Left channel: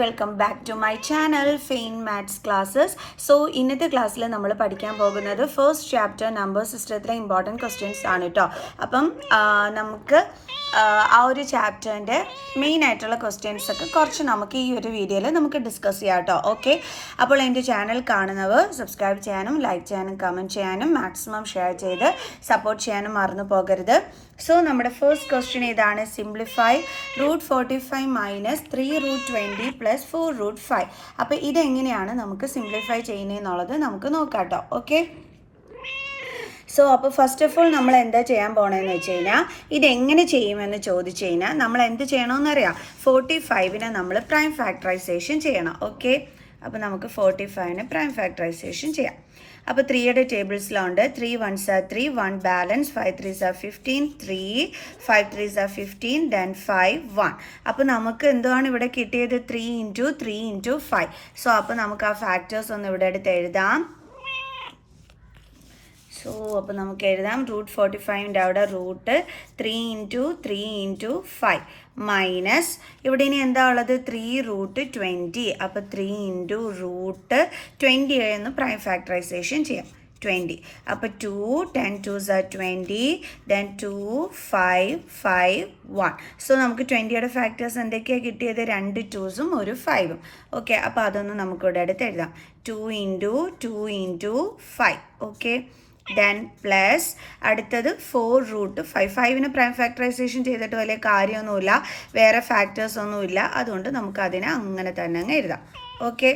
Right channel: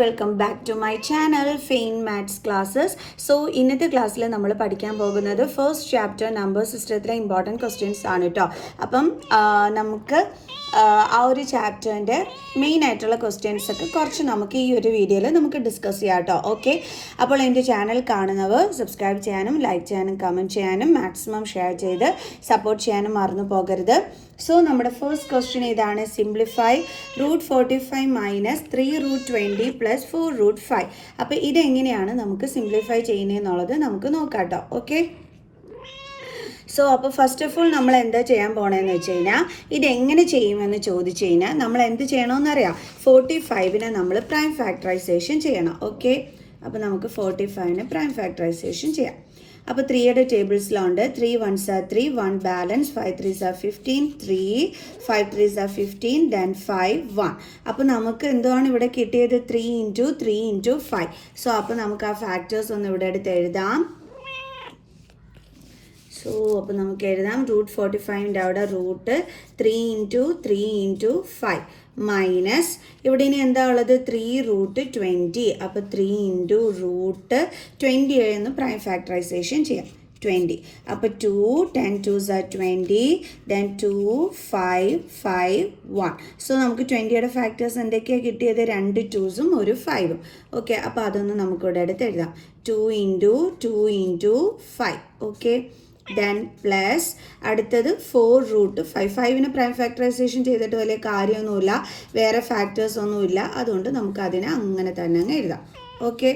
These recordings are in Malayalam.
Welcome back to my channel fine maths classes. So ഇന്നത്തെ ക്ലാസ്സിൽ നമ്മൾ പഠിക്കാൻ പോകുന്നത് ഫസ്റ്റ് ചാപ്റ്റർ നമ്പർ സിസ്റ്റത്തിലെ ഇമ്പോർട്ടൻറ്റ് ക്വസ്റ്റ്യൻസ് ആണ് കേട്ടോ. അപ്പം നമുക്ക് ആ ഒരു ചാപ്റ്ററിൻ്റെ മെയിൻ ആയിട്ടുള്ള ക്വസ്റ്റ്യൻസ് ഒക്കെ കുറച്ച് നമുക്ക് ഈ ഒരു വീഡിയോയിൽ നമുക്ക് ഡിസ്കസ് ചെയ്യാം കേട്ടോ. ഓക്കെ, അപ്പോൾ എൻ്റെ ചാനൽ കാണുന്നവർ സബ്സ്ക്രൈബ് ചെയ്യാനും ലൈക്ക് ചെയ്യാനും കമൻറ്റ് ചെയ്യാനും മാക്സിമം ഷെയർ ചെയ്ത് സപ്പോർട്ട് ചെയ്യാനും മറന്നു പോകരുത്. സോ നമ്മുടെ ഫസ്റ്റ് ക്വസ്റ്റ്യൻ ഇതാണ്. Simplify √45 minus 3√20 plus 4√5. അപ്പോൾ ഇതെങ്ങനെയാണ് നമുക്ക് സിംപ്ലിഫൈ ചെയ്യുന്നതെന്നുള്ളത് നമുക്ക് നോക്കാം കേട്ടോ. ഓക്കെ, സോ അപ്പോൾ ഫസ്റ്റ് ഓഫ് ഓൾ നമ്മൾ എന്താ ചെയ്യാൻ പോകണമെന്ന് വെച്ച് കഴിഞ്ഞാൽ ഇതെങ്ങനെ ചെയ്യുമെന്ന് ചോദിച്ചു കഴിഞ്ഞാൽ നമ്മൾ എന്ത് ചെയ്യണമെന്നറിയാം. 45നെ നമ്മൾ പ്രൈം ഫാക്ടറൈസേഷൻ ചെയ്യണം. ഓക്കെ, അപ്പോൾ നമുക്ക് 45നെ പ്രൈം ഫാക്ടറൈസേഷൻ ചെയ്യാം. അപ്പോൾ 3യുടെ ടേബിൾസിലുണ്ട് 3 1s are 3, 1 balance, 5 3s are 15, 3 5 3s are 15, then 5 1. അപ്പോൾ നമുക്ക് എന്താണ് ഇവിടെ കിട്ടിയത്? 3 × 3 × 5. സോ അപ്പോൾ നമുക്ക് ആ ഫാക്ടേഴ്സ് ഒന്ന് ഇവിടെ എടുത്ത് എഴുതാം. സോ അപ്പോൾ നമുക്ക് എഴുതാം √45ൻ്റെ അവിടെ √3 × 3 × 5 മൈനസ് ഇവിടെ ഇനി എന്താ ഉള്ളത്? 3√20. അപ്പോൾ 3 × √20 എന്ന് പ്രൈം ഫാക്ടറൈസേഷൻ ചെയ്യാം. 20. അപ്പോൾ 2 10 2s are 20, then 2 5 5 1. സോ നമുക്ക് 20യുടെ ഫാക്ടേഴ്സ് എന്തൊക്കെയാണ് കിട്ടിയത്? 2 2സും ഒരു 5ഉം. ഓക്കെ, അപ്പോൾ അതൊന്ന് നമുക്കിവിടെ അടുത്ത് എഴുതാം. 2 × 2 × 5. ഓക്കെ, ദെൻ പ്ലസ് അടുത്തത് 4√5. 5ന് പ്രൈം ഫാക്ടറൈസേഷൻ ചെയ്തിട്ട് വലിയ കാര്യമൊന്നുമില്ല, വേറെ ഫാക്ടേഴ്സ് ഒന്നുമില്ല, അതുകൊണ്ട് നമുക്കതിനെ അങ്ങനെ തന്നെ അങ്ങ് എഴുതാം. ഓക്കെ,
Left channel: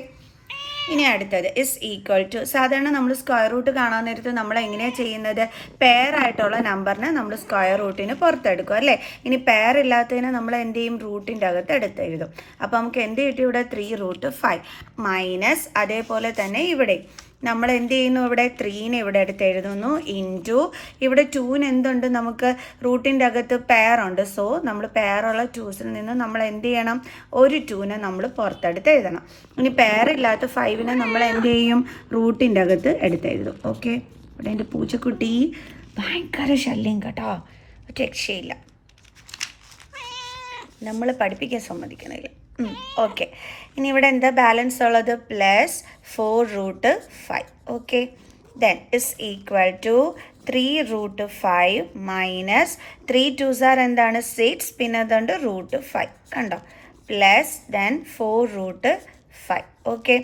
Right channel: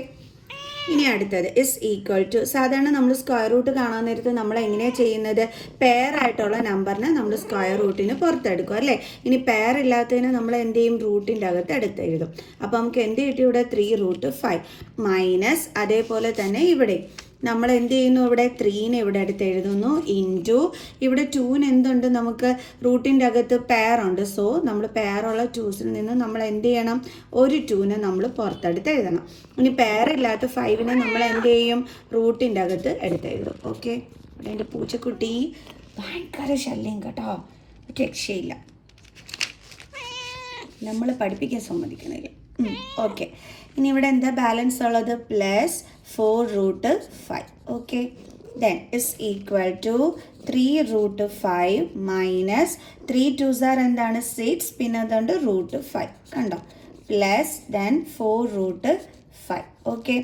ഇനി അടുത്തത് ഇസ് ഈക്വൽ ടു. സാധാരണ നമ്മൾ സ്ക്വയർ റൂട്ട് കാണാൻ നേരത്ത് നമ്മൾ എങ്ങനെയാണ് ചെയ്യുന്നത്? പെയർ ആയിട്ടുള്ള നമ്പറിനെ നമ്മൾ സ്ക്വയർ റൂട്ടിന് പുറത്തെടുക്കും അല്ലേ. ഇനി പെയർ ഇല്ലാത്തതിന് നമ്മൾ എന്ത് ചെയ്യും? റൂട്ടിൻ്റെ അകത്ത് എടുത്തെഴുതും. അപ്പോൾ നമുക്ക് എന്ത് കിട്ടി ഇവിടെ? 3√5 മൈനസ് അതേപോലെ തന്നെ ഇവിടെ നമ്മൾ എന്ത് ചെയ്യുന്നു? ഇവിടെ 3നെ ഇവിടെ എടുത്ത് എഴുതുന്നു ഇൻറ്റു ഇവിടെ 2ന് എന്തുണ്ട്? നമുക്ക് റൂട്ടിൻ്റെ അകത്ത് പെയർ ഉണ്ട്. സോ നമ്മൾ പെയറുള്ള 2സിൽ നിന്ന് നമ്മൾ എന്ത് ചെയ്യണം? ഒരു 2നെ നമ്മൾ പുറത്തെടുത്ത് എഴുതണം. ഇനി പെയർ ഇല്ലാത്ത 5നെ നമ്മൾ എന്ത് ചെയ്യും? റൂട്ടിൻ്റെ അകത്ത് എടുത്തെഴുതും. ഓക്കെ, ഇവിടെ എൻ്റെ പൂച്ചക്കുട്ടി ഭയങ്കര ശല്യം കേട്ടോ, രക്ഷയില്ല, നമ്മൾ പഠിപ്പിക്കാൻ സമ്മതിക്കണില്ല. ഓക്കെ, ഇനി ഇവിടെ എന്താ ബാലൻസ് ഉള്ളത്? Plus 4√5. Okay, then is equal to 3√5 minus 3 2s are എന്താണ്? 6, പിന്നെ അതുകൊണ്ട് √5 കണ്ടോ, പ്ലസ് ദെൻ 4√5. ഓക്കെ,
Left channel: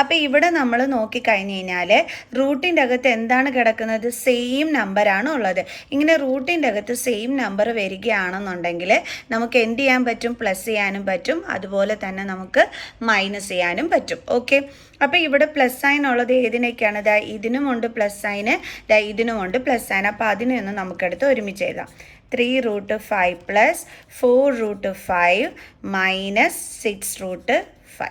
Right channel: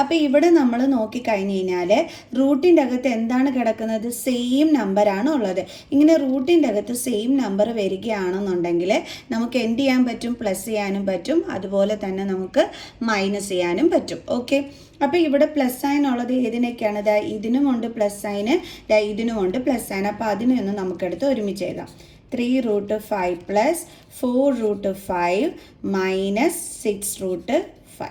അപ്പോൾ ഇവിടെ നമ്മൾ നോക്കിക്കഴിഞ്ഞ് കഴിഞ്ഞാൽ റൂട്ടിൻ്റെ അകത്ത് എന്താണ് കിടക്കുന്നത്? സെയിം നമ്പറാണ് ഉള്ളത്. ഇങ്ങനെ റൂട്ടിൻ്റെ അകത്ത് സെയിം നമ്പർ വരികയാണെന്നുണ്ടെങ്കിൽ നമുക്ക് എന്ത് ചെയ്യാൻ പറ്റും? പ്ലസ് ചെയ്യാനും പറ്റും, അതുപോലെ തന്നെ നമുക്ക് മൈനസ് ചെയ്യാനും പറ്റും. ഓക്കെ, അപ്പോൾ ഇവിടെ പ്ലസ് സൈൻ ഉള്ളത് ഏതിനൊക്കെയാണ്? ഇതിനുമുണ്ട് പ്ലസ് സൈന്, ഇതിനുമുണ്ട് പ്ലസ് സൈൻ. അപ്പോൾ അതിനെ ഒന്ന് നമുക്കെടുത്ത് ഒരുമിച്ച് എഴുതാം. 3√5 plus 4√5 minus 6√5.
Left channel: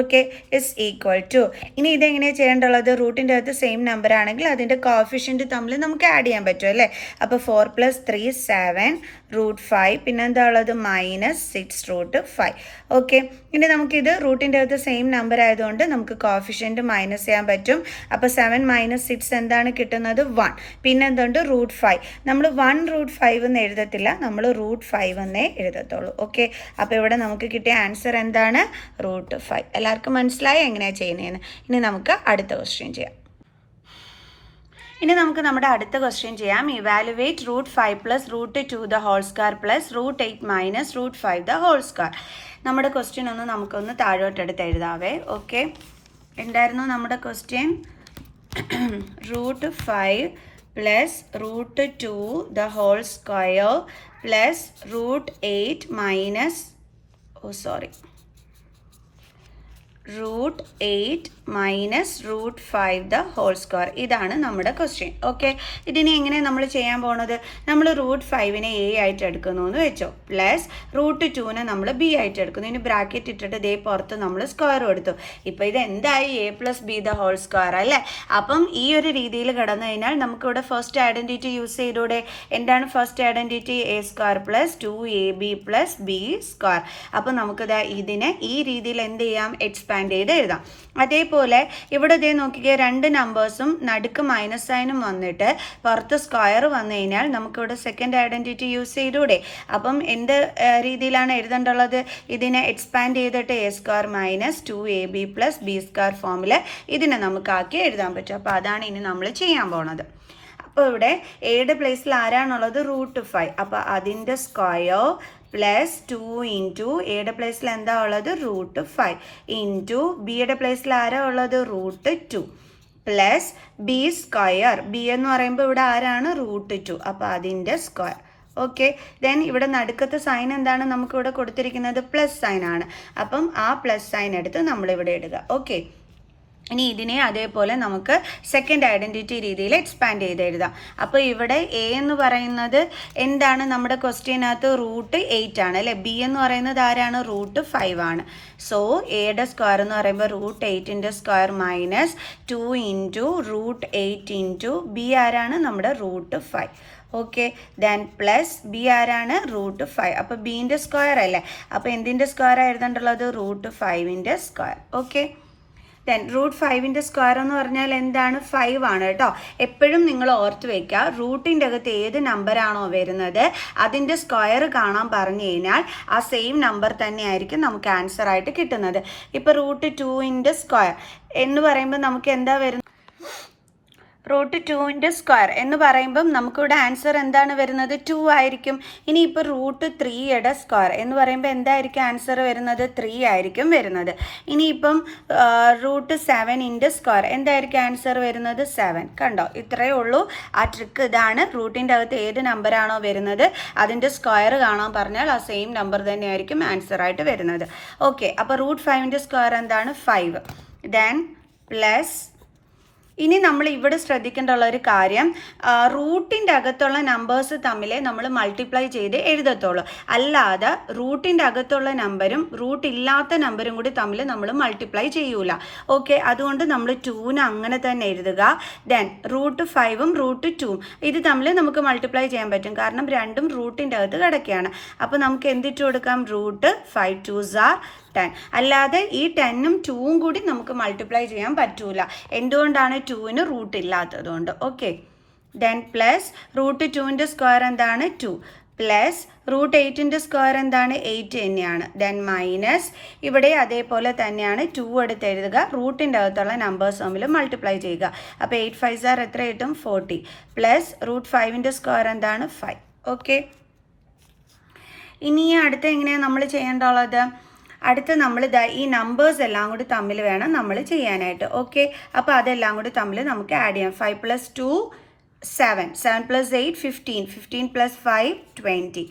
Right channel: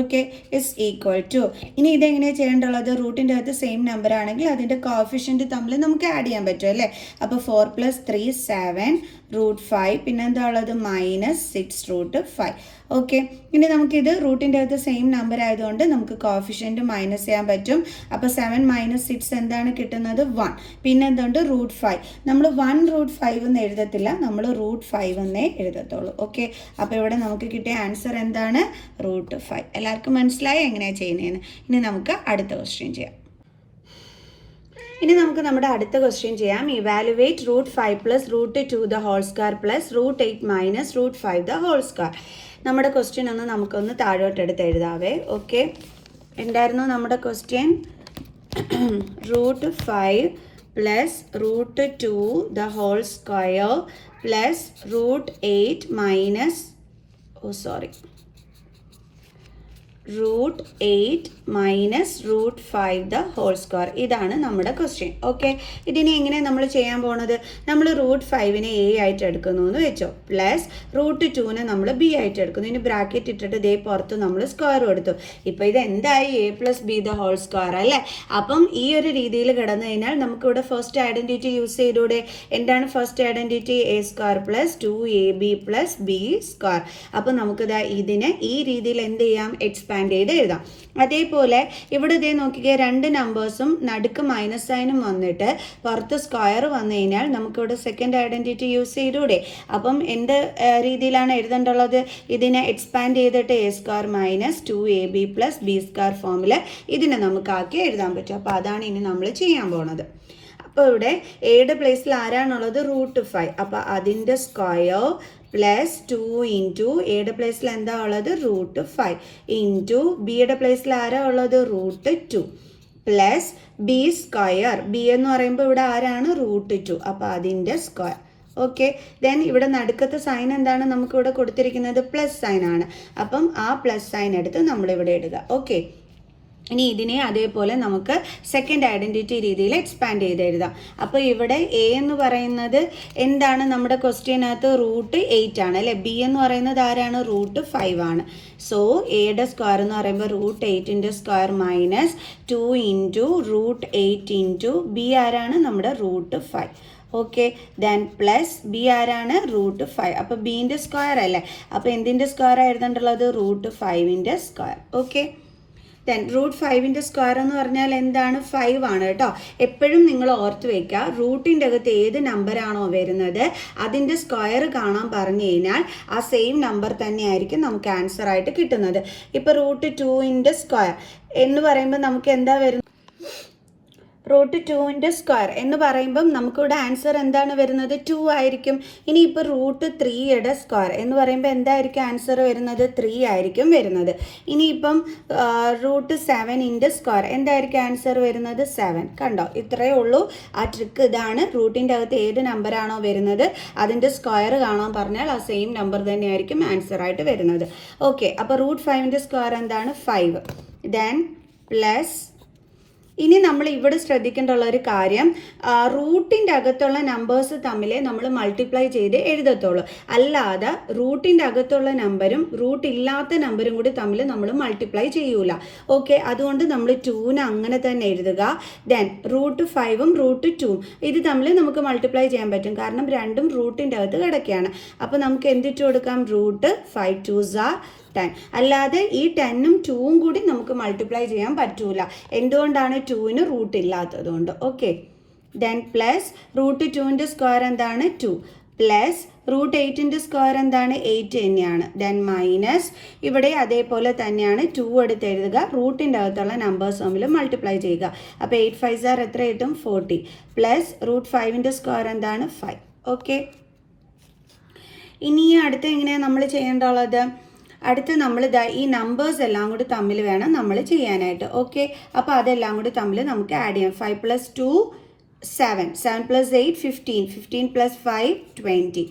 Okay, is equal to. ഇനി ഇതെങ്ങനെയാണ് ചെയ്യേണ്ടുള്ളത്? റൂട്ടിൻ്റെ അകത്ത് സെയിം നമ്പർ ആണെങ്കിൽ അതിൻ്റെ കോഫിഷ്യൻറ്റ് തമ്മിൽ നമുക്ക് ആഡ് ചെയ്യാൻ പറ്റും അല്ലേ. അപ്പോൾ 4 + 3 7√5, പിന്നെ എന്താ ഉള്ളത്? മൈനസ് 6√5. ഓക്കെ, ഇനി നമുക്കിത് റൂട്ടിൻ്റെ അകത്ത് സെയിം നമ്പർ ആയതുകൊണ്ട് നമുക്ക് കോഫിഷ്യൻറ്റ് മൈനസ് ചെയ്യാൻ പറ്റും. അപ്പോൾ 7 - 6 എന്താണ് കിട്ടുന്നത്? 1. പിന്നെ എന്തുണ്ട്? √5. നമ്മൾ 1√5 എന്ന് എഴുതത്തില്ല, നമ്മൾ √5 എന്നേ എഴുതത്തുള്ളൂ. ഓക്കെ, അപ്പോൾ ഇവിടെ നമുക്ക് കിട്ടിയ ആൻസർ എന്താണ്? √5. എല്ലാവർക്കും മനസ്സിലായി എങ്ങനെയാണ് ചെയ്യുന്നതെന്ന്. ഇനി നമുക്ക് അടുത്ത ക്വസ്റ്റ്യൻ ചെയ്യാം. ഇനി നമുക്ക് നമ്മുടെ അടുത്ത ക്വസ്റ്റ്യൻ ചെയ്യാം. Evaluate √5 + √2 the whole square plus √8 - √5 the whole square. നമ്മുടെ ക്വസ്റ്റ്യൻ ഒന്ന് നമുക്കൊന്ന് താഴോട്ടെടുത്ത് എഴുതാവേ. ഓക്കെ, എന്തായിരുന്നു നമ്മുടെ question? √5 + √2 the whole square plus √8 -√5 the whole square. ഇതാണ് നമ്മുടെ ക്വസ്റ്റ്യൻ. ഓക്കെ, ഇതിനെ എങ്ങനെ നമ്മൾ ചെയ്യാൻ പോണത്? നമ്മൾ √5നെ A ആയിട്ട് എടുക്കുന്നു എന്ന് വെച്ചോ, പ്ലസ് √2നെ നമ്മൾ B ആയിട്ട് എടുക്കുന്നു. ഇനി ബ്രാക്കറ്റ് ഇട്ടിട്ട് ദേ പുറത്ത് നമ്മൾ സ്ക്വയർ കൊടുത്തു. ഇപ്പോൾ ഇത് എന്തായി? A + B the whole square അല്ലേ. അപ്പം ഈ ഒരു രീതിയിൽ കിടന്നു കഴിഞ്ഞാൽ നമുക്കിവിടെ ഫസ്റ്റ് ഐഡൻറ്റിറ്റി യൂസ് ചെയ്തൂടെ? എന്താണ് first identity? A² + 2AB + B². അപ്പോൾ നമുക്കിത് ഇതിനെ ഈ രീതിയിൽ എന്ത് ചെയ്യാം? എക്സ്പാൻഡ് എക്സ്പാൻഡ് ചെയ്ത് എഴുതാം. അതേപോലെ ഇവിടെ ഇതേ നോക്കിക്കേ, രണ്ട് നമ്പേഴ്സും നടുക്ക് മൈനസ് സൈനും വന്നിട്ട് പുറത്ത് സ്ക്വയർ വന്നു കഴിഞ്ഞാൽ നമുക്കിവിടെ സെക്കൻഡ് ഐഡൻറ്റിറ്റി യൂസ് ചെയ്തൂടെ? അപ്പം എന്ത് രീതിയിലാണ് എഴുതേണ്ടുള്ളത്? ഇതിനെ എക്സ്പാൻഡ് ചെയ്തിട്ട് A square minus 2ab plus B square ഫോമിൽ ഇതിനെ നമുക്കാക്കി എഴുതാൻ പറ്റും. അപ്പോൾ അതാണ് ഇനി നമ്മൾ ചെയ്യാൻ പോണത്. അപ്പോൾ ഇവിടെ എയുടെ പ്ലേസിൽ ആരാണുള്ളത്? √5. അപ്പോൾ അതിൻ്റെ സ്ക്വയർ പ്ലസ് 2 ഇൻറ്റു എയുടെ പ്ലേസിൽ എന്താ ഉള്ളത്? √5 ഇൻറ്റു ബിയുടെ പ്ലേസിൽ ആരാ ഉള്ളത്? √2 പ്ലസ് ബി സ്ക്വയർ. ബി എന്ന് പറയുമ്പോൾ ഇവിടെ ആരാണ്? √2. അപ്പോൾ അതിൻ്റെ സ്ക്വയർ. ഓക്കെ, ദെൻ ഇവിടെ നടുക്കത്തെ സൈൻ എന്താണ്? നമുക്കിവിടെ കൊടുത്തിരിക്കുന്നത് പ്ലസ് സൈൻ ആണ്. അപ്പം ആ പ്ലസ് സൈൻ എടുത്ത് നമ്മളിവിടെ ഇടുക. ഓക്കെ, ഇനി ഇതിനെ അതേപോലെ നമുക്ക് സെക്കൻഡ് ഐഡൻറ്റിറ്റി രീതിയിൽ എക്സ്പാൻഡ് ചെയ്ത് എഴുതാം. അപ്പോൾ ഇവിടെ എ എന്ന് പറയുന്നത് എന്താണ്? നമ്മുടെ ക്വസ്റ്റ്യനകത്ത് √8 ആണ് അല്ലേ? ബി എന്ന് പറയുന്നത് ആരാണ്? √5 ആണ്. സോ എയുടെ സ്ക്വയർ എന്ന് പറയുമ്പോൾ √8ൻ്റെ square minus 2 into √8 into b ആരാണ്? നമ്മുടെ √5. ഓക്കെ, ദെൻ പ്ലസ് ബി ആരാണ്? √5. അപ്പോൾ ബീൻ്റെ സ്ക്വയർ അല്ലേ? അപ്പോൾ എന്തിൻ്റെ സ്ക്വയർ എഴുതേണ്ടുള്ളത്? √5ൻ്റെ സ്ക്വയർ. ഓക്കെ, ദെൻ √5ൻ്റെ സ്ക്വയർ എന്ന് പറഞ്ഞാൽ എന്താണ്? 5 ആണ് കേട്ടോ. എപ്പോഴും നിങ്ങൾ ഓർത്ത് വയ്ക്കുക, റൂട്ടിൻ്റെ അകത്ത് ഏത് നമ്പറാണോ വരുന്നത് അതിൻ്റെ സ്ക്വയർ കാണാൻ പറഞ്ഞു കഴിഞ്ഞാൽ ആ സെയിം നമ്പർ തന്നെയായിരിക്കും നമുക്ക് ആൻസർ ആയിട്ട് കിട്ടുന്നത്. ഇപ്പോൾ √2ൻ്റെ സ്ക്വയർ എന്ന് പറയുമ്പോൾ നമുക്ക് എന്താ വരുന്നത്? √2ൻ്റെ സ്ക്വയർ എന്ന് പറയുമ്പം നമുക്കിവിടെ ആൻസർ എന്താണ് വരുന്നത്? 2 ആയിരിക്കും. ഇനിയിപ്പോൾ √3യുടെ സ്ക്വയർ എന്ന് പറയുമ്പോൾ എന്തായിരിക്കും ആൻസർ വരുന്നത്? 3 ആയിരിക്കും വരുന്നത്. ഇനിയിപ്പം √7ൻ്റെ സ്ക്വയർ എന്തായിരിക്കും ആൻസർ വരുന്നത്? 7. കണ്ടോ, ഇത്രയേ ഉള്ളൂ ആ ട്രിക്ക്. ഇതാണ്, റൂട്ടിൻ്റെ അകത്ത് ഏത് നമ്പറാണോ വരുന്നത് അതിൻ്റെ സ്ക്വയർ കാണാൻ പറഞ്ഞാൽ ആ സെയിം നമ്പർ തന്നെയായിരിക്കും ആൻസർ ആയിട്ട് വരുന്നത്. ഓക്കെ, അപ്പോൾ √5ൻ്റെ സ്ക്വയർ എന്താണ്? 5. ദെൻ പ്ലസ് ഇനി നമ്മൾ ഇവിടെ ശ്രദ്ധിക്കേണ്ടുള്ള ഒരു കാര്യം, റൂട്ടിൻ്റെ അകത്തുള്ള നമ്പേഴ്സ് തമ്മിൽ നമ്മൾ മൾട്ടിപ്ലൈ ചെയ്ത് എഴുതത്തുള്ളൂ. അല്ലാതെ റൂട്ടിൻ്റെ അകത്തുള്ള നമ്പരും റൂട്ട് ഇല്ലാത്ത നമ്പരും കൂടി തമ്മിൽ നമ്മൾ മൾട്ടിപ്ലൈ ചെയ്യൂല. ഓക്കെ, അതുകൊണ്ട് നമ്മൾ 2ന് അങ്ങനെ തന്നെ എഴുതുക. ദെൻ √5ഉം √2ഉം ഇത് തമ്മിൽ നമുക്ക് മൾട്ടിപ്ലൈ ചെയ്യാൻ പറ്റും, കാരണം രണ്ടും റൂട്ടിൻ്റെ അകത്ത് കിടക്കുകയാണ്. അപ്പോൾ നമുക്ക് എന്തിട്ട് കൊടുക്കാം? √5 2s are 10. അല്ലാതെ ഈ 10ഉം 2ഉം കൂടി നമുക്ക് മൾട്ടിപ്ലൈ ചെയ്യാൻ പറ്റൂല. എന്തുകൊണ്ടാണ്? 2ന് റൂട്ട് ഇല്ലാത്തതുകൊണ്ട്. ഓക്കെ, ദെൻ പ്ലസ് √2ൻ്റെ സ്ക്വയർ എന്താണ്? 2 പ്ലസ് √8ൻ്റെ സ്ക്വയർ എന്താണ്? 8 തന്നെയാണ്. ദെൻ മൈനസ് ഇവിടെ അതേപോലെ തന്നെയാണ് 2 എടുത്ത് എഴുതുക, റൂട്ടിൻ്റെ അകത്തുള്ള നമ്പേഴ്സ് തമ്മിൽ മൾട്ടിപ്ലൈ ചെയ്യുക. അപ്പോൾ 8 5s are എത്ര കിട്ടും? 40 പ്ലസ് √5ൻ്റെ സ്ക്വയർ എന്താണ്? 5. ഓക്കെ, ഇനി അടുത്ത എങ്ങനെയാണ് നമ്മൾ ചെയ്യേണ്ടുള്ളത്? അടുത്ത നമ്മൾ ഈ നമ്പേഴ്സ് എല്ലാം കൂടി തമ്മിൽ വേണം നമ്മൾ ചെയ്യാനായിട്ട്. ഓക്കെ, അപ്പോൾ അതെല്ലാം കൂടി തമ്മിൽ നമുക്ക് ആഡ് ചെയ്യാം. 5 + 2 7, 7 + 8 15, 15 + 5 20.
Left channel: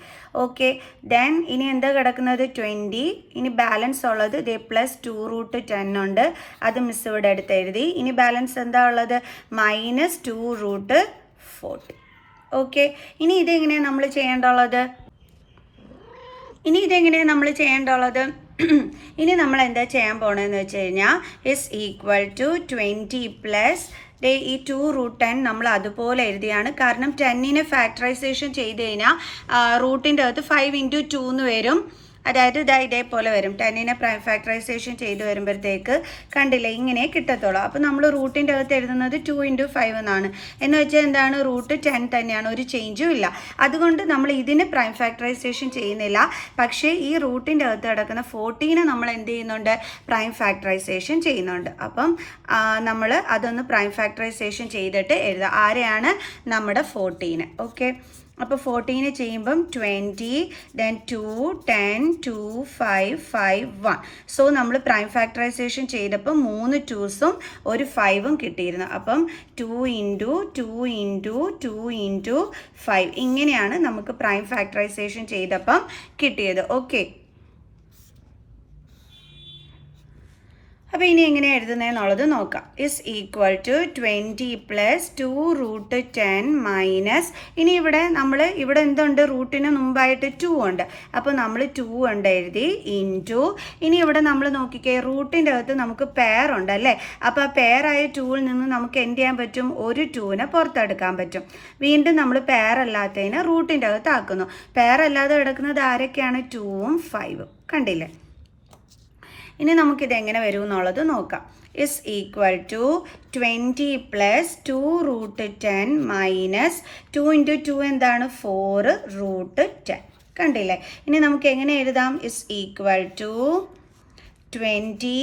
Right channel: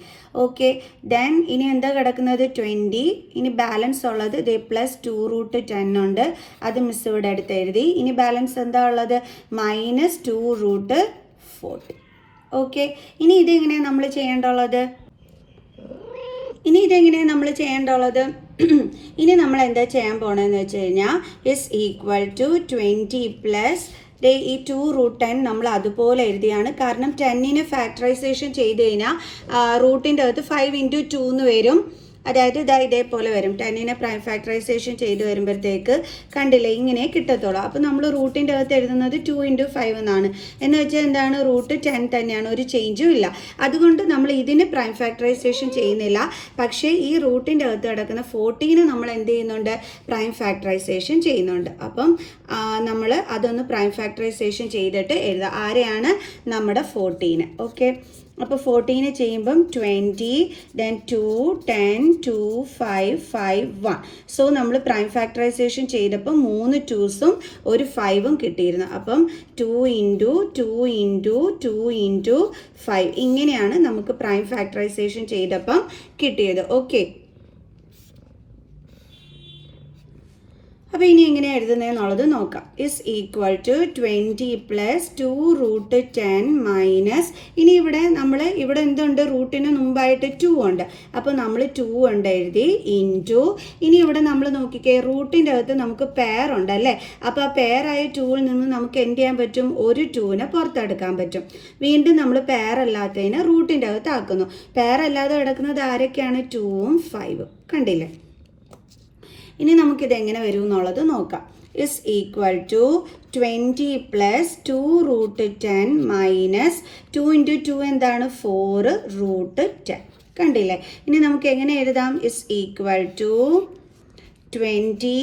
ഓക്കെ, ദെൻ ഇനി എന്താ കിടക്കുന്നത്? 20. ഇനി ബാലൻസ് ഉള്ളത് ഇതേ പ്ലസ് 2 √10 ഉണ്ട്, അത് മിസ് ഇവിടെ എടുത്ത് എഴുതി. ഇനി ബാലൻസ് എന്താ ഉള്ളത്? മൈനസ് 2 √40. ഓക്കെ, ഇനി ഇതെങ്ങനെയാണ് നമ്മൾ ചെയ്യേണ്ടുള്ളത്? ഇനി നമ്മൾ എന്താ ചെയ്യാൻ പോകണമെന്ന് വെച്ച് കഴിഞ്ഞാൽ =20 പ്ലസ് ഈ 2 √10 നമ്മൾ അതുപോലെ എഴുതിയാണ്. കാരണം 10നെ ഫാക്ടറൈസേഷൻ ചെയ്ത് കഴിഞ്ഞാൽ റൂട്ടിൻ്റെ അകത്ത് 5 × 2 എന്ന് വരും. അതായത് ഇതേപോലെ വരും. 10നെ പ്രൈം ഫാക്ടറൈസേഷൻ ചെയ്ത് വരുമ്പോഴത്തേക്ക് കണ്ടില്ലേ, ഇങ്ങനെ കിട്ടത്തുള്ളൂ. അപ്പോൾ നമ്മൾ റൂട്ടിൻ്റെ അകത്ത് എഴുതുന്നത് 2 × 5 എന്നാണ്. എന്ന് വെച്ചാൽ എന്താണ്? √10 തന്നെയാണ്, ഒരു ചേഞ്ചും ഇല്ല. അതുകൊണ്ട് നമ്മൾ ഇതിന് പ്രൈം ഫാക്ടറൈസേഷൻ ചെയ്യുന്നില്ല. പക്ഷേ ഈ റൂട്ടിൻ്റെ അകത്ത് കിടക്കുന്ന 14നെ നമ്മൾ എന്ത് ചെയ്യുന്നുണ്ട്? പ്രൈം ഫാക്ടറൈസേഷൻ ചെയ്യുന്നുണ്ട്. അപ്പം നമ്മൾ അതൊന്ന് പ്രൈം ഫാക്ടറൈസേഷൻ ചെയ്തിട്ട് എഴുതുക. ആരെയാണ്? നമ്മുടെ 14. ഓക്കെ, അപ്പോൾ 14 ചെയ്യുമ്പം 20, ദെൻ 2 10 2 5 5 1. സോ നമ്മൾ പ്രൈം ഫാക്ടറൈസേഷൻ ചെയ്തപ്പോൾ 3 2സും ഒരു 5ഉം കിട്ടിയിരുന്നു. അപ്പം 2 × 2 × 2 × 5 ഇങ്ങനെയാണ് നമുക്ക് പ്രൈം ഫാക്ടറൈസേഷൻ ചെയ്തപ്പം കിട്ടിയത്. ഓക്കെ, അപ്പോൾ ഇനി എങ്ങനെ എഴുതുന്നതെന്നുള്ളത് നോക്കാം. =20 + 2 √10 മൈനസ് ഇനി ഇവിടെ എന്തുണ്ട്? റൂട്ടിന് മുമ്പായിട്ട് 2 ഉണ്ട്. അപ്പോൾ നമ്മൾ 2 കൊണ്ട് എഴുതി ഇൻറ്റു. ഇനി ഇവിടെ നമ്മൾ നോക്കിക്കേ, റൂട്ടിൻ്റെ അകത്ത് നമുക്ക് പെയർ ഉണ്ട് അല്ലേ? അപ്പോൾ ആ പെയറായ 2ൽ നിന്ന് നമുക്ക് എന്ത് ചെയ്യാൻ പറ്റും? ഒരു 2നെ പുറത്തെടുക്കാൻ പറ്റും. വീണ്ടും നമ്മൾ പെയർ അല്ലാത്തതിനെ റൂട്ടിൻ്റെ അകത്ത് ആക്കുന്നു. പെയർ അല്ലാതെ കിടക്കുന്നത് ആരൊക്കെയാണ്? 2ഉം 5ഉം. കണ്ടില്ലേ? ഇനി നമുക്കിത് എങ്ങനെ വരും എന്നുള്ളത് നോക്കാം. Is equal to 20 plus 2√10 minus 2 into 2 എന്താണ് 4√10. കണ്ടില്ലേ? ഇനി നമുക്ക് എങ്ങനെ എഴുതാം? ഇസ് ഈക്വൽ ടു 20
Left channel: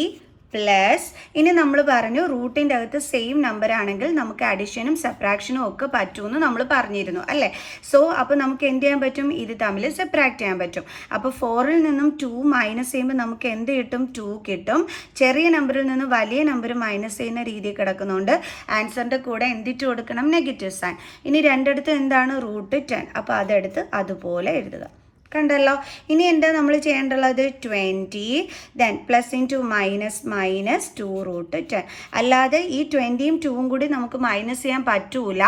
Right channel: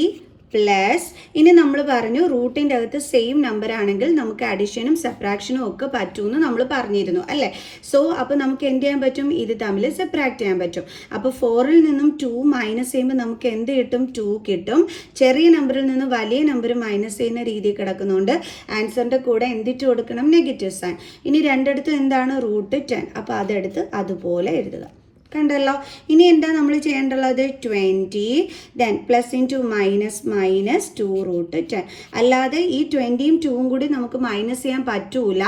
പ്ലസ്, ഇനി നമ്മൾ പറഞ്ഞു റൂട്ടിൻ്റെ അകത്ത് സെയിം നമ്പർ ആണെങ്കിൽ നമുക്ക് അഡിഷനും സബ്ട്രാക്ഷനും ഒക്കെ പറ്റുമെന്ന് നമ്മൾ പറഞ്ഞിരുന്നു അല്ലേ? സോ അപ്പോൾ നമുക്ക് എന്ത് ചെയ്യാൻ പറ്റും? ഇത് തമ്മിൽ സബ്ട്രാക്ട് ചെയ്യാൻ പറ്റും. അപ്പോൾ 4ൽ നിന്നും 2 മൈനസ് ചെയ്യുമ്പോൾ നമുക്ക് എന്ത് കിട്ടും? 2 കിട്ടും. ചെറിയ നമ്പറിൽ നിന്ന് വലിയ നമ്പർ മൈനസ് ചെയ്യുന്ന രീതി കിടക്കുന്നുണ്ട്. ആൻസറിൻ്റെ കൂടെ എന്തിട്ട് കൊടുക്കണം? Negative sign. ഇനി രണ്ടിടത്ത് എന്താണ്? √10. അപ്പോൾ അതെടുത്ത് അതുപോലെ എഴുതുക. കണ്ടല്ലോ? ഇനി എന്താ നമ്മൾ ചെയ്യേണ്ടുള്ളത്? 20 ദെൻ പ്ലസ് ഇൻറ്റു മൈനസ് 2√10. അല്ലാതെ ഈ 20യും 2ഉം കൂടി നമുക്ക് മൈനസ് ചെയ്യാൻ പറ്റൂല.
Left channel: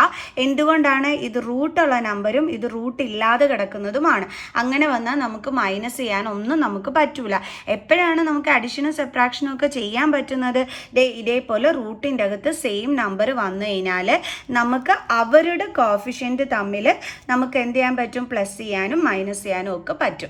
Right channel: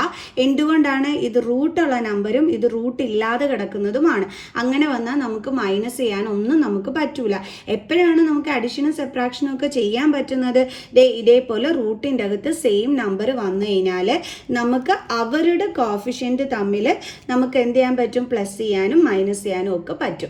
എന്തുകൊണ്ടാണ്? ഇത് റൂട്ടുള്ള നമ്പറും ഇത് റൂട്ട് ഇല്ലാതെ കിടക്കുന്നതുമാണ്. അങ്ങനെ വന്നാൽ നമുക്ക് മൈനസ് ചെയ്യാൻ ഒന്നും നമുക്ക് പറ്റൂല. എപ്പോഴാണ് നമുക്ക് അഡിഷനും സബ്ട്രാക്ഷനും ഒക്കെ ചെയ്യാൻ പറ്റുന്നത്? ഇതേപോലെ റൂട്ടിൻ്റെ അകത്ത് സെയിം നമ്പർ വന്നു കഴിഞ്ഞാൽ നമുക്ക് അവരുടെ കോഫിഷ്യൻറ്റ് തമ്മിൽ നമുക്ക് എന്ത് ചെയ്യാൻ പറ്റും? പ്ലസ് ചെയ്യാനും മൈനസ് ചെയ്യാനും ഒക്കെ പറ്റും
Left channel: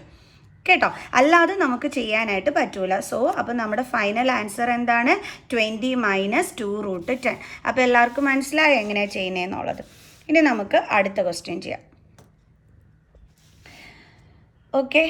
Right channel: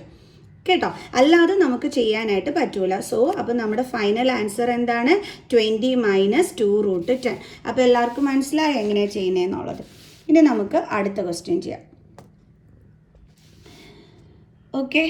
കേട്ടോ. അല്ലാതെ നമുക്ക് ചെയ്യാനായിട്ട് പറ്റൂല. സോ അപ്പോൾ നമ്മുടെ ഫൈനൽ ആൻസർ എന്താണ്? 20 മൈനസ് 2√10. അപ്പോൾ എല്ലാവർക്കും മനസ്സിലായോ എങ്ങനെയാണ് ചെയ്യുന്നതെന്നുള്ളത്? ഇനി നമുക്ക് അടുത്ത ക്വസ്റ്റ്യൻ ചെയ്യാം. ഓക്കെ,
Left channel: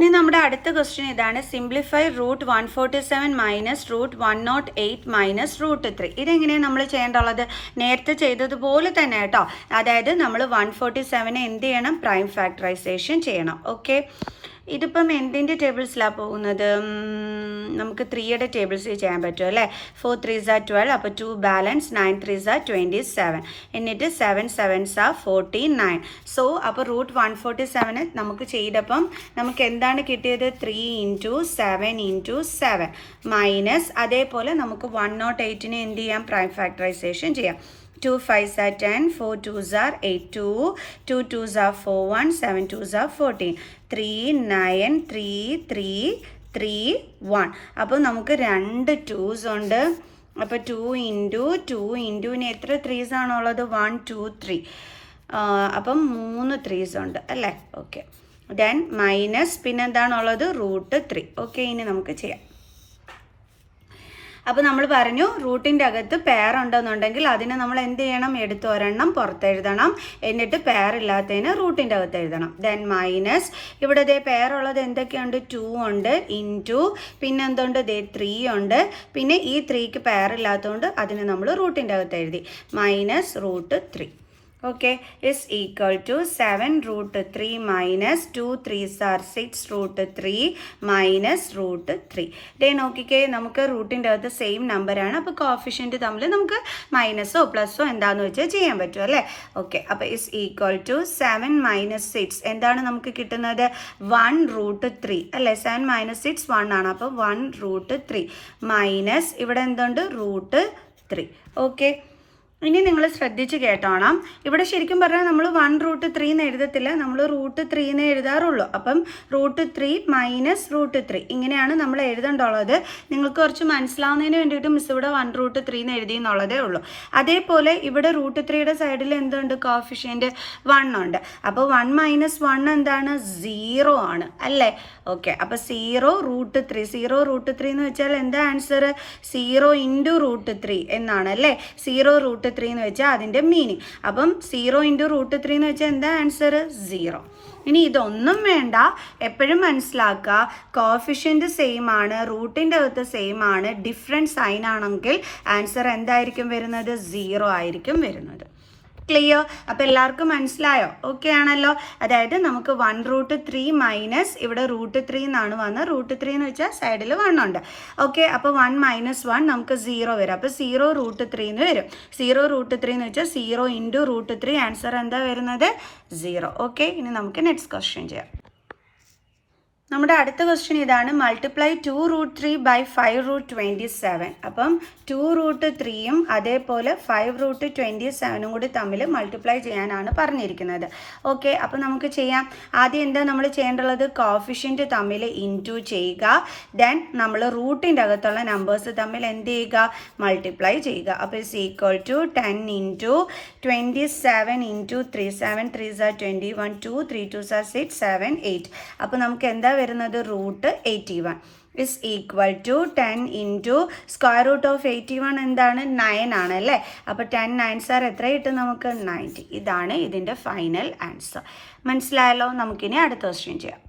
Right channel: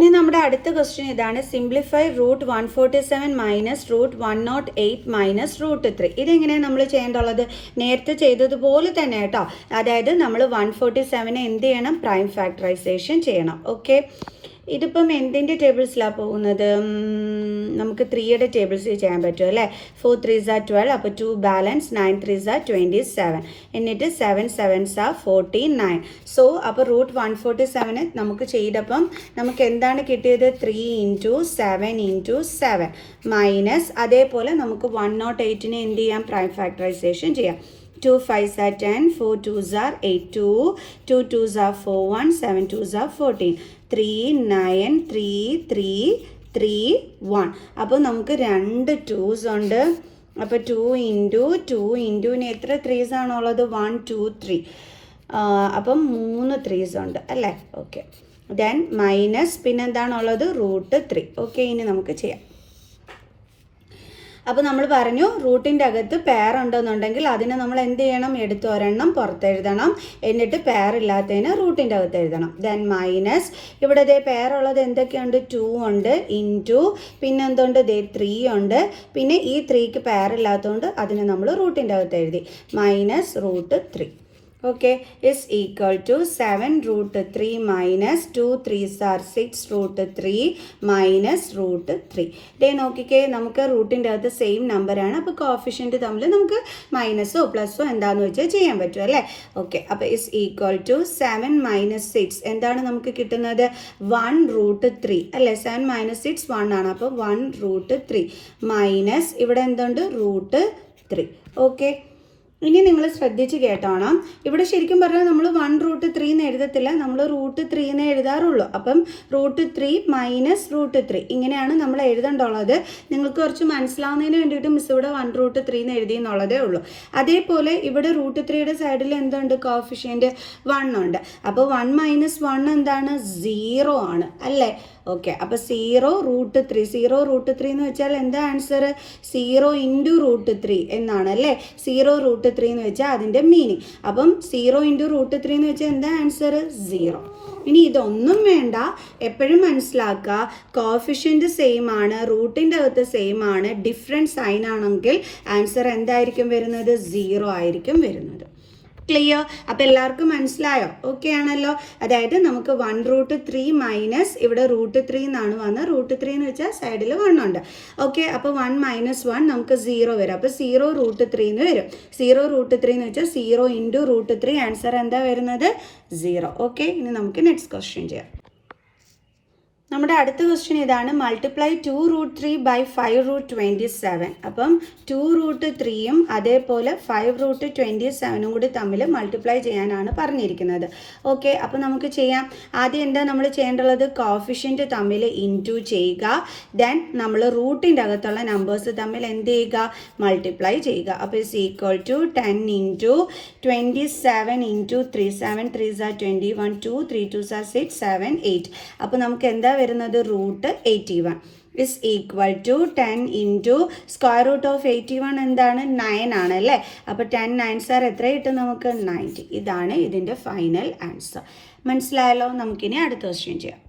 ഇനി നമ്മുടെ അടുത്ത ക്വസ്റ്റ്യൻ ഇതാണ്. Simplify √147 minus √108 minus √3. ഇതെങ്ങനെയാണ് നമ്മൾ ചെയ്യേണ്ടുള്ളത്? നേരത്തെ ചെയ്തതുപോലെ തന്നെ കേട്ടോ. അതായത് നമ്മൾ 147 എന്ത് ചെയ്യണം? പ്രൈം ഫാക്ടറൈസേഷൻ ചെയ്യണം. ഓക്കെ, ഇതിപ്പം എന്തിൻ്റെ ടേബിൾസിലാണ് പോകുന്നത്? നമുക്ക് 3യുടെ ടേബിൾസ് ചെയ്യാൻ പറ്റും അല്ലേ? 4 3s are 12, അപ്പോൾ 2 ബാലൻസ്, 9 3s are 27, എന്നിട്ട് 7 7s are 49. സോ അപ്പോൾ √147 നമുക്ക് ചെയ്തപ്പം നമുക്ക് എന്താണ് കിട്ടിയത്? 3 ഇൻറ്റു 7 ഇൻറ്റു 7 മൈനസ്, അതേപോലെ നമുക്ക് 108നെ എന്ത് ചെയ്യാം? പ്രൈം ഫാക്ടറൈസേഷൻ ചെയ്യാം. 2 5s are 10, 4 2s are 8, 2 2s are 4 1, 7 2s are 14, 3 9 3 3 3 1. അപ്പോൾ നമുക്ക് 2 2s ഉണ്ട്. അപ്പോൾ 2 ഇൻറ്റു 2 ഇൻറ്റുവിന് എത്ര 3s ആണുള്ളത്? 1 2 3. അപ്പം 3 3s ഉണ്ട് അല്ലേ? ഓക്കെ, ദെൻ മൈനസ് പിന്നെന്താണുള്ളത്? √3. ഓക്കെ, ഇനി നമുക്ക് ചെയ്യാം. അപ്പോൾ നമ്മൾ പറഞ്ഞു റൂട്ടിൻ്റെ അകത്ത് പെയർ ഉണ്ടെന്നുണ്ടെങ്കിൽ അതിനെ നമ്മൾ എന്ത് ചെയ്യണം? എടുത്ത് ഒരെണ്ണം പുറത്തെഴുതണം, എന്നിട്ട് പെയർ ഇല്ലാത്തതിന് റൂട്ടിൻ്റെ അകത്ത് എഴുതണം. ദെൻ മൈനസ്, ഇവിടെ ദേ പെയർ ഉള്ളത് എന്തൊക്കെയുണ്ട്? 2 ഉണ്ട്, ഇൻറ്റു പിന്നെ എന്തുണ്ട്? 3 ഉണ്ട്, പിന്നെ ഈ 3ക്ക് പെയർ ഇല്ലാത്തതുകൊണ്ട് അതിനെ നമ്മൾ റൂട്ടിൻ്റെ അകത്ത് എഴുതി. Minus √3. Okay, is equal to 7√3 minus 2 3s are 6√3 minus √3. ഡേ നോക്കിക്കേ, നമുക്ക് റൂട്ടിൻ്റെ അകത്ത് സെയിം നമ്പറാണ്. അപ്പോൾ കോഫിഷ്യൻറ്റ് തമ്മിൽ നമുക്ക് മൈനസോ പ്ലസ്സോ എന്താണെന്ന് വെച്ചാൽ ചെയ്യാൻ പറ്റും അല്ലേ? ഓക്കെ, അപ്പോൾ ഇസ് ഈക്വൽ ടു 7 മൈനസ് 6 എന്താണ് നമുക്ക് കിട്ടുന്നത്? 1√3 അല്ലേ? 7 മൈനസ് 6 1 ആണ്. അപ്പോൾ 1√3 മൈനസ് ഇവിടെ എന്തുണ്ട്? √3. ഓക്കെ, ഇനി നിങ്ങൾ ശ്രദ്ധിച്ച് കേട്ടോണം. ഇവിടെ ശരിക്കും പറഞ്ഞാൽ നമ്മൾ 1√3 എന്ന് എഴുതത്തില്ല, നമ്മൾ √3 എന്ന് എഴുതാറുള്ളൂ. അപ്പം √3 മൈനസ് √3 ഇങ്ങനെയാണ് നമ്മൾ എഴുതേണ്ടുള്ളത്. നിങ്ങൾക്ക് കുറച്ച് മനസ്സിലാവുന്നതിന് വേണ്ടിയിട്ട് മിസ് ഇവിടെ 1√3 എന്ന് എഴുതി എന്നുള്ളതേ ഉള്ളൂ. അതേപോലെ ഇവിടെ √3യുടെ സൈഡിൽ എന്തുണ്ട്? കോഫിഷ്യൻറ്റ് 1 ഉണ്ട്. അപ്പോൾ 1 മൈനസ് 1 എന്താണ്? 0 ആണ് അല്ലേ? ഓക്കെ, അപ്പോൾ 0√3. 0√3 എന്ന് വെച്ചാൽ എന്താ ആൻസർ? 0 ഇൻറ്റു √3 എന്നാണ് അല്ലേ? 0√3 എന്ന് വെച്ചാൽ അതിൻ്റെ മീനിങ്. അപ്പം 0 ഇൻറ്റു √3 എന്ന് വെച്ചാൽ എന്താ ആൻസർ? 0. ഇനി ഇതൊന്നും വേണ്ട, എപ്പോഴും മനസ്സിലാക്കുക, കോഫിഷ്യൻറ്റ് സെയിം ആണ്, റൂട്ടിൻ്റെ അകത്ത് സെയിം ആണ്, ഡിഫറെൻറ്റ് സൈൻ ആണെങ്കിൽ ആൻസർ എന്തായിരിക്കും വരുന്നത്? 0 ആയിരിക്കും വരുന്നത്. ക്ലിയർ? അപ്പോൾ എല്ലാവർക്കും മനസ്സിലായോ? ഓക്കെ ആണല്ലോ? അതായത് നമുക്ക് 1√3 മൈനസ് ഇവിടെ √3 എന്നാണ് വന്നത്. √3 എന്ന് വെച്ചാൽ സൈഡിൽ 1 ഉണ്ട്. ഓക്കെ, അപ്പോൾ 1 മൈനസ് 1 നമുക്ക് 0 വരും. അപ്പോൾ 0√3 എന്ന് വരും. 0√3 എന്ന് വെച്ചാൽ 0 ഇൻറ്റു √3 ആൻസർ എന്താ വരുന്നത്? 0. ഓക്കെ, ഇനി നമുക്ക് നെക്സ്റ്റ് ക്വസ്റ്റ്യൻ ചെയ്യാം. നമ്മുടെ അടുത്ത ക്വസ്റ്റ്യൻ ഇതാണ്. Multiply 2√3 by 5√27. അപ്പം 2√3യും അതേപോലെ 5√27 കൂടി തമ്മിൽ മൾട്ടിപ്ലൈ ചെയ്യാനാണ് പറഞ്ഞിരിക്കുന്നത്. ഓക്കെ, അപ്പം നമുക്ക് ചെയ്യാം. ആദ്യം എന്താ നമ്മൾ ചെയ്യേണ്ടുള്ളത്? കോഫിഷ്യൻറ്റ് തമ്മിൽ ഇൻറ്റു ചെയ്യുക. ദെൻ നമ്മൾ റൂട്ടിൻ്റെ അകത്തുള്ള നമ്പേഴ്സ് തമ്മിൽ എന്ത് ചെയ്യുക? മൾട്ടിപ്ലൈ ചെയ്യുക. അപ്പോൾ is equal to 10 into 27 into 3 7 3s are 21 2 3 2s are 6 7 8. അപ്പോൾ നമുക്ക് എന്താ വരുന്നത് root 81 is equal to 10 into square root of 81 എന്താണ് 9 ആണ് അല്ലേ. അപ്പോൾ 10 9s are എത്ര കിട്ടും നമുക്ക് 90. ഇതാണ് ഇതിൻ്റെ ഫൈനൽ ആൻസർ. മനസ്സിലായല്ലോ. നമുക്കിനി അടുത്ത ക്വസ്റ്റ്യൻ ചെയ്യാം.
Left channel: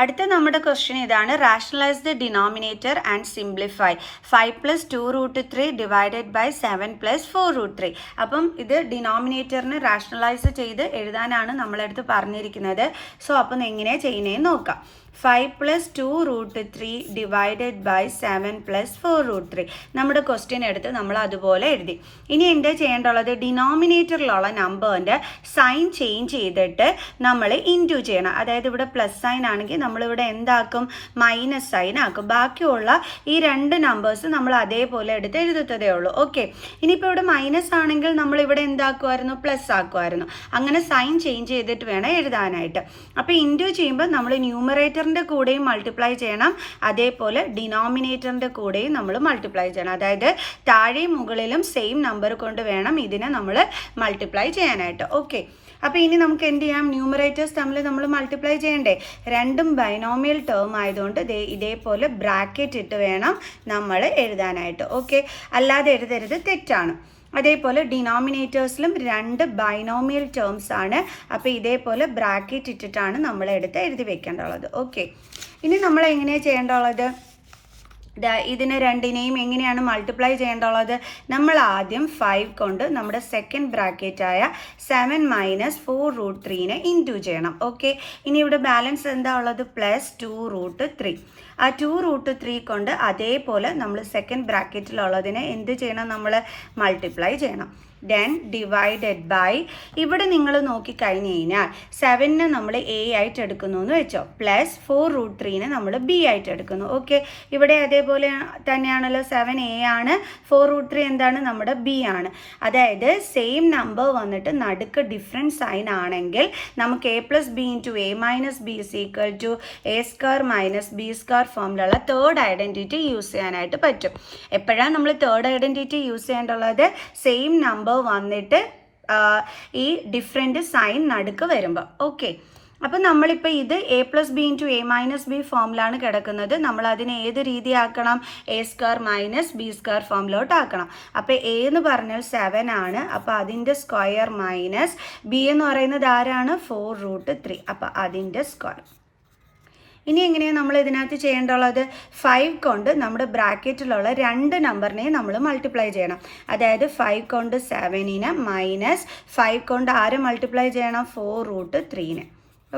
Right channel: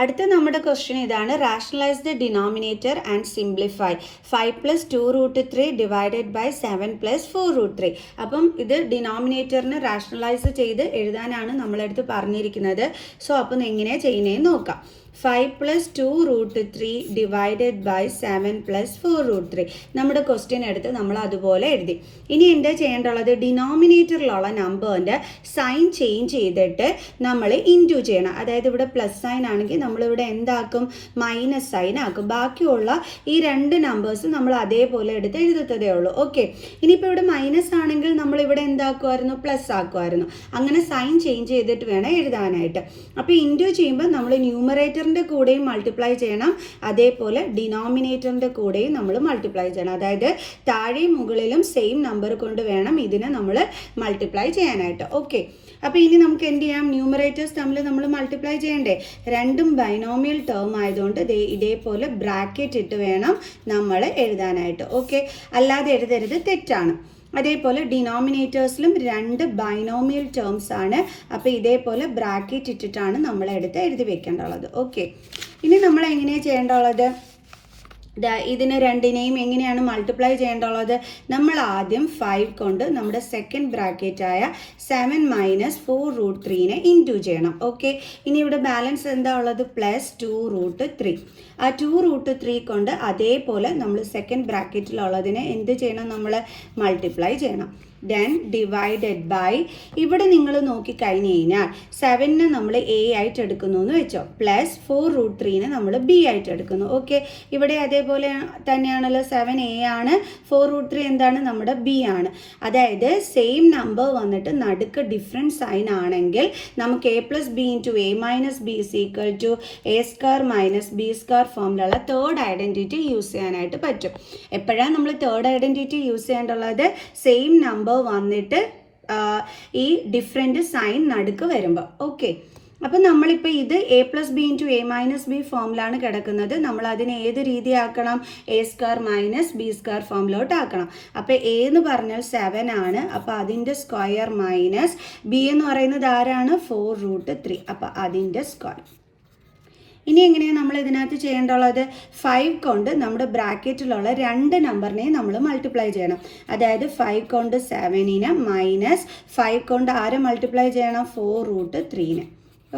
അടുത്ത നമ്മുടെ ക്വസ്റ്റ്യൻ ഇതാണ്. Rationalise the denominator and simplify 5 + 2 √3 divided by 7 + 4 √3. അപ്പം ഇത് ഡിനോമിനേറ്ററിനെ റാഷണലൈസ് ചെയ്ത് എഴുതാനാണ് നമ്മളടുത്ത് പറഞ്ഞിരിക്കുന്നത്. സോ അപ്പം എങ്ങനെയാണ് ചെയ്യുന്നതെന്ന് നോക്കാം. 5 + 2 √3 ഡിവൈഡഡ് ബൈ 7 + 4 √3. നമ്മുടെ ക്വസ്റ്റ്യൻ എടുത്ത് നമ്മൾ അതുപോലെ എഴുതി. ഇനി എന്താ ചെയ്യേണ്ടുള്ളത്? ഡിനോമിനേറ്ററിലുള്ള നമ്പറിൻ്റെ സൈൻ ചേഞ്ച് ചെയ്തിട്ട് നമ്മൾ ഇൻറ്റു ചെയ്യണം. അതായത് ഇവിടെ പ്ലസ് സൈൻ ആണെങ്കിൽ നമ്മളിവിടെ എന്താക്കും? മൈനസ് സൈൻ ആക്കും. ബാക്കിയുള്ള ഈ രണ്ട് നമ്പേഴ്സ് നമ്മൾ അതേപോലെ എടുത്ത് എഴുതത്തതേ ഉള്ളൂ. ഓക്കെ. ഇനിയിപ്പോൾ ഇവിടെ മൈനസ് ആണെങ്കിൽ നമ്മളിവിടെ എന്താക്കുമായിരുന്നു? പ്ലസ് ആക്കുമായിരുന്നു. അങ്ങനെ സൈൻ ചേഞ്ച് ചെയ്തിട്ട് വേണം എഴുതാനായിട്ട്. അപ്പോൾ ഇൻറ്റു ചെയ്യുമ്പോൾ നമ്മൾ ന്യൂമറേറ്റർ കൂടെയും മൾട്ടിപ്ലൈ ചെയ്യണം, അതേപോലെ ഡിനോമിനേറ്ററിൻ്റെ കൂടെയും നമ്മൾ മൾട്ടിപ്ലൈ ചെയ്യണം. അതായത് താഴെയും മുകളിലും സെയിം നമ്പർ കൊണ്ട് വേണം ഇതിനെ നമ്മൾ മൾട്ടിപ്ലൈ ചെയ്യാനായിട്ട്. ഓക്കെ. അപ്പോൾ ഇനി നമുക്ക് എന്ത് ചെയ്യാം? ന്യൂമറേറ്റേഴ്സ് തമ്മിൽ നമ്മൾ മൾട്ടിപ്ലൈ ചെയ്യണ്ടേ? രണ്ടും ബൈനോമിയൽ ടേം ആയതുകൊണ്ട് ഇതേപോലെ ബ്രാക്കറ്റ് ഇട്ട് വേണം നമ്മൾ എഴുതാനായിട്ട്. ഓക്കെ. അല്ലാതെ എഴുതരുത്, തെറ്റാണ്. അതേപോലെ ഡിനോമിനേറ്റേഴ്സിലും രണ്ട് ബൈനോമിയൽ ടേംസ് ആണ്. അപ്പോൾ ഇതേപോലെ ബ്രാക്കറ്റ് ഇട്ടിട്ടാണ് നമ്മൾ എടുത്ത് എഴുതി വെക്കേണ്ടുള്ളത്. ഓക്കെ. ഇനി നമ്മൾ എങ്ങനെയാണ് ചെയ്യേണ്ടുള്ളത്? ഇതിനെ രണ്ടിനെയും എങ്ങനെയാണ് മൾട്ടിപ്ലൈ ചെയ്യേണ്ടുള്ളത്? നമ്മൾ ആദ്യം 5 കൊണ്ട് നമ്മുടെ സെക്കൻഡ് ബ്രാക്കറ്റായ 7 - 4 √3 ഇൻറ്റു ചെയ്യണം. ഓക്കെ. ഇനി ഇവിടെ ബാലൻസ് എന്താ ഉള്ളത്? +2 √3. ആ 2 √3 കൊണ്ട് അതേപോലെ നമ്മൾ സെക്കൻഡ് ബ്രാക്കറ്റിലുള്ളതിനെ എന്ത് ചെയ്യണം? നമ്മൾ മൾട്ടിപ്ലൈ ചെയ്യണം. ദെൻ ഡിവൈഡഡ് ബൈ, ഇവിടെ നിങ്ങൾ നോക്കിക്കഴിഞ്ഞ് കഴിഞ്ഞാൽ 7നെ നമ്മൾ എ ആയിട്ട് എടുക്കുന്നു എന്ന് വെച്ചോ, +4 √3 നമ്മൾ ബി ആയിട്ട് എടുക്കുന്നു. ഓക്കെ. ഇവിടെ അതേപോലെ തന്നെയാണല്ലോ. 7 എ ആണ്, 4 √3 എന്താണ്? നമ്മുടെ ബി ആണ്. അതായത് സെയിം നമ്പർ വന്നിട്ട് നടുക്ക് ഡിഫറെൻറ്റ് സൈൻ ആണെങ്കിൽ നമുക്ക് a + b × a - b = a² - b² ഫോമിലുള്ള തേർഡ് ഐഡൻറ്റിറ്റി യൂസ് ചെയ്യാനായിട്ട് പറ്റും. എപ്പോഴാണ് നമ്മൾ തേർഡ് ഐഡൻറ്റിറ്റി യൂസ് ചെയ്യേണ്ടുള്ളത്? സെയിം നമ്പർ വന്നിട്ട് ഈ ഡിഫറെൻറ്റ് സൈൻ നടുക്ക് വരുമ്പോൾ. ഓക്കെ. അപ്പം നമ്മളിപ്പോൾ ഇത് a + b × a - b ഫോമിലാണ് കിടക്കുന്നത്. നമ്മൾ അതിനെ ഏത് രീതിയാക്കണം? a² - b² ഫോമിലോട്ട് ആക്കണം. അപ്പോൾ a എന്ന് പറഞ്ഞാൽ 7 ആണ്. അപ്പോൾ അതിൻ്റെ സ്ക്വയർ മൈനസ് b എന്ന് പറയുന്നത് ആരാണ്? 4 √3. അപ്പോൾ അതിൻ്റെ സ്ക്വയർ. ഇനി എങ്ങനെയാണ് നമ്മൾ ഇതിനകത്ത് ചെയ്യേണ്ടുള്ളത്? 5 കൊണ്ട് നമ്മുടെ ബ്രാക്കറ്റിലുള്ള രണ്ട് നമ്പറിനെയും നമ്മൾ മൾട്ടിപ്ലൈ ചെയ്യണം. അതായത് 5 കൊണ്ട് 7നെ മൈനസ് 5 കൊണ്ട് ആരെ മൾട്ടിപ്ലൈ ചെയ്യണം? 4 √3.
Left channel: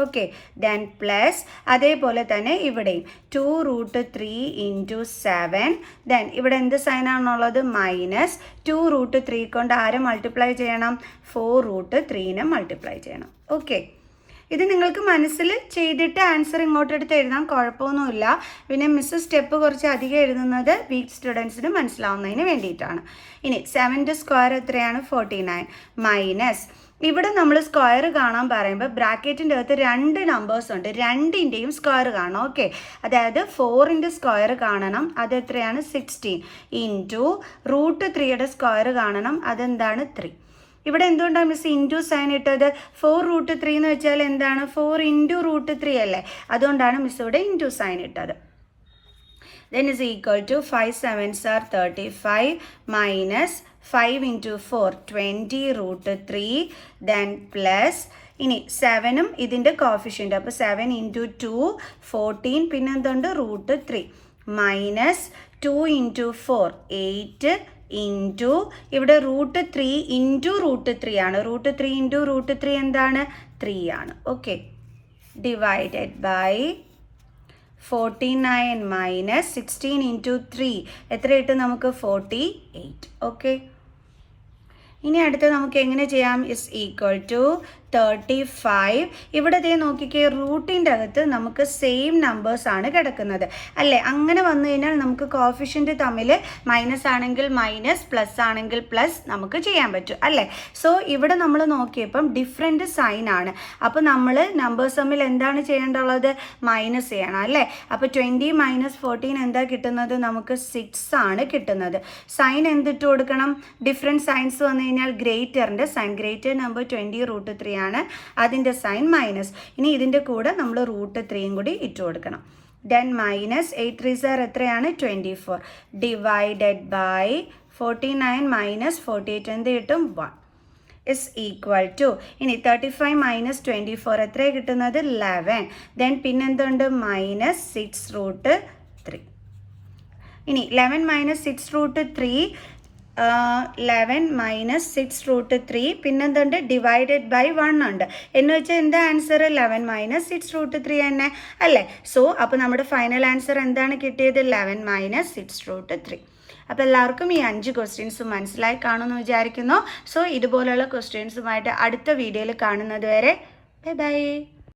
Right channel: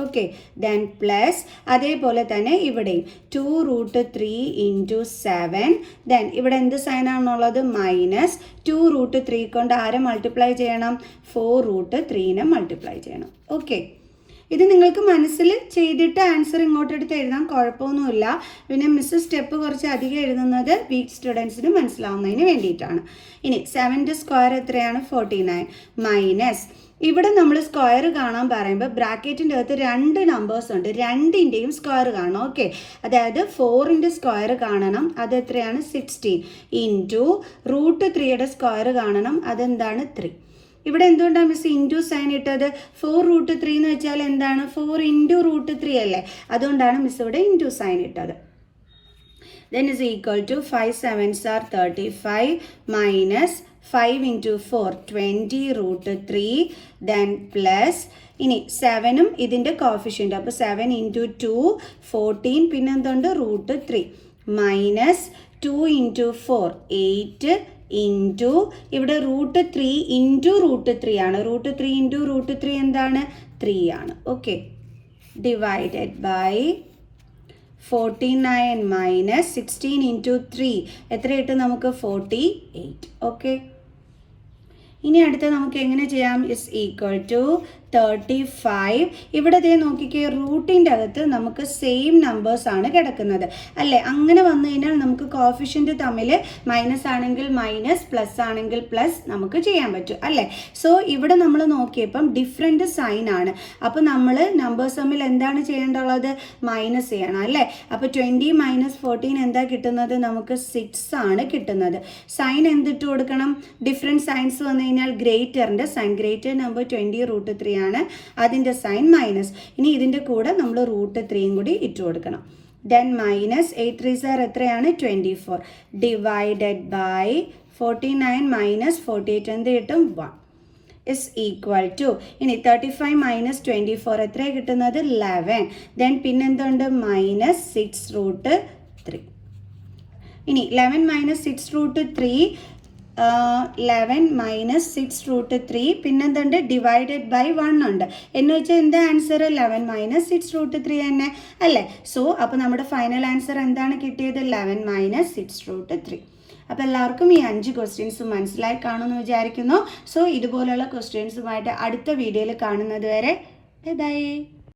ഓക്കെ. ദെൻ പ്ലസ് അതേപോലെ തന്നെ ഇവിടെയും 2 √3 × 7. ദെൻ ഇവിടെ എന്ത് സൈനാണുള്ളത്? മൈനസ് 2 √3 കൊണ്ട് ആരെ മൾട്ടിപ്ലൈ ചെയ്യണം? 4 √3നെ മൾട്ടിപ്ലൈ ചെയ്യണം. ഓക്കെ. ഇത് നിങ്ങൾക്ക് മനസ്സിൽ ചെയ്തിട്ട് ആൻസർ ഇങ്ങോട്ടെടുത്ത് എഴുതാം, കുഴപ്പമൊന്നുമില്ല. പിന്നെ മിസ് സ്റ്റെപ്പ് കുറച്ച് അധികം എഴുതുന്നത് വീക്ക് സ്റ്റുഡൻസിന് മനസ്സിലാവുന്നതിന് വേണ്ടിയിട്ടാണ്. ഇനി 7ൻ്റെ സ്ക്വയർ എത്രയാണ്? 49 മൈനസ് ഇവിടെ നമ്മൾ സ്ക്വയർ കാണാൻ പറയുമ്പോൾ ബ്രാക്കറ്റിൻ്റെ അകത്ത് രണ്ട് നമ്പേഴ്സ് ഉണ്ട്, രണ്ടിൻ്റെയും സ്ക്വയർ കാണണം. ഓക്കെ. അതായത് 4ൻ്റെ സ്ക്വയർ കാണണം, അതെത്രയാണ്? 16 ഇൻറ്റു √3യുടെ സ്ക്വയർ കാണണം, അതെന്താണ്? 3. ഇവിടെ എന്തുകൊണ്ടാണ് മിസ് ഇൻറ്റു സൈൻ ഇട്ടത്? 4 √3 എന്ന് വെച്ചാൽ എന്താണ്? 4 × √3 അല്ലേ? അതുകൊണ്ടാണ് മിസ് ഇവിടെ ഇൻറ്റു സൈൻ ഇട്ടത്. Then is equal to 5 7s are 35 minus 5 × 4 20 √3. Then plus ഇനി 7ഉം ഇതിൻ്റെ കോഫിഷ്യൻ്റ്. അപ്പോൾ 7 × 2 14, പിന്നെ എന്തുണ്ട്? √3 മൈനസ് 2 × 4 8 ഇൻറ്റു ഇവിടെ √3 × √3 ആണ്. √3 × √3 എന്താണ്? 3 ആണ്. ഓക്കെ. ഡിവൈഡഡ് ബൈ 49 മൈനസ് 16 × 3 എത്ര കിട്ടും നമുക്ക്? 48. ഓക്കെ. ഇനി അടുത്ത് നമുക്ക് എങ്ങനെ ചെയ്യാം? Is equal to 35. ഇവിടെ ദേ നോക്കിക്കേ, റൂട്ടിൻ്റെ അകത്ത് നമുക്ക് സെയിം നമ്പേഴ്സാണ് കിടക്കുന്നത് അല്ലേ? അങ്ങനെ വന്നു കഴിഞ്ഞാൽ നമുക്ക് കോഫിഷ്യൻ്റ് തമ്മിൽ മൈനസ് ആണെങ്കിൽ മൈനസ്, പ്ലസ് ആണെങ്കിൽ പ്ലസ് നമുക്ക് ചെയ്യാൻ പറ്റും അല്ലേ? സോ ഇവിടെ നമ്മൾ നോക്കിയപ്പം ഡിഫറെൻറ്റ് സൈൻ ആണ്. അപ്പോൾ നമ്മൾ നമ്പേഴ്സ് തമ്മിൽ എന്താണ് ചെയ്യേണ്ടുള്ളത്? മൈനസ് ചെയ്യണം അല്ലേ? അപ്പോൾ 20 - 14 എന്താ കിട്ടുന്നത്? നമുക്ക് 6 ആണ് കിട്ടുന്നത്. സൈൻ എന്തിട്ട് കൊടുക്കണം? ഡിഫറെൻറ്റ് സൈൻസ് വന്നു കഴിഞ്ഞാൽ ഗ്രേറ്ററിൻ്റെ സൈൻ. ഗ്രേറ്റർ നമ്പർ 20 √3 ആണ്, അതിൻ്റെ സൈൻ മൈനസ്. ഇനി ഇതിൻ്റെ കൂടെ നമ്മൾ √3 കൂടി ഇട്ട് കൊടുക്കണം. ദെൻ മൈനസ് 8 3 സാർ എത്രയാണ് 24 ഡിവൈഡഡ് ബൈ 49 മൈനസ് 48 എന്ത് കിട്ടും 1 is equal to ഇനി 35 മൈനസ് 24 എത്ര കിട്ടുന്നത് 11. ദെൻ പിന്നെന്തുണ്ട് മൈനസ് 6√3. ഇനി 11 മൈനസ് 6√3 11 മൈനസ് 6√3 പിന്നെന്തുണ്ട് ഡിവൈഡഡ് ബൈ 1 ഉണ്ട് എന്ന് വെച്ചാൽ എന്താ ആൻസർ 11 മൈനസ് 6√3 തന്നെ അല്ലേ. സോ അപ്പോൾ നമ്മുടെ ഫൈനൽ ആൻസർ എന്താണ് കിട്ടിയത് 11 മൈനസ് 6√3. അപ്പോൾ എല്ലാവർക്കും ഈ 5 ക്വസ്റ്റ്യൻസ് മനസ്സിലായി കാണുമെന്ന് വിചാരിക്കുന്നു. സോ ഇതുപോലുള്ള ക്വസ്റ്റ്യൻസുമായിട്ട് അടുത്ത വീഡിയോയിൽ കാണുന്നത് വരെ ബൈ ബൈ.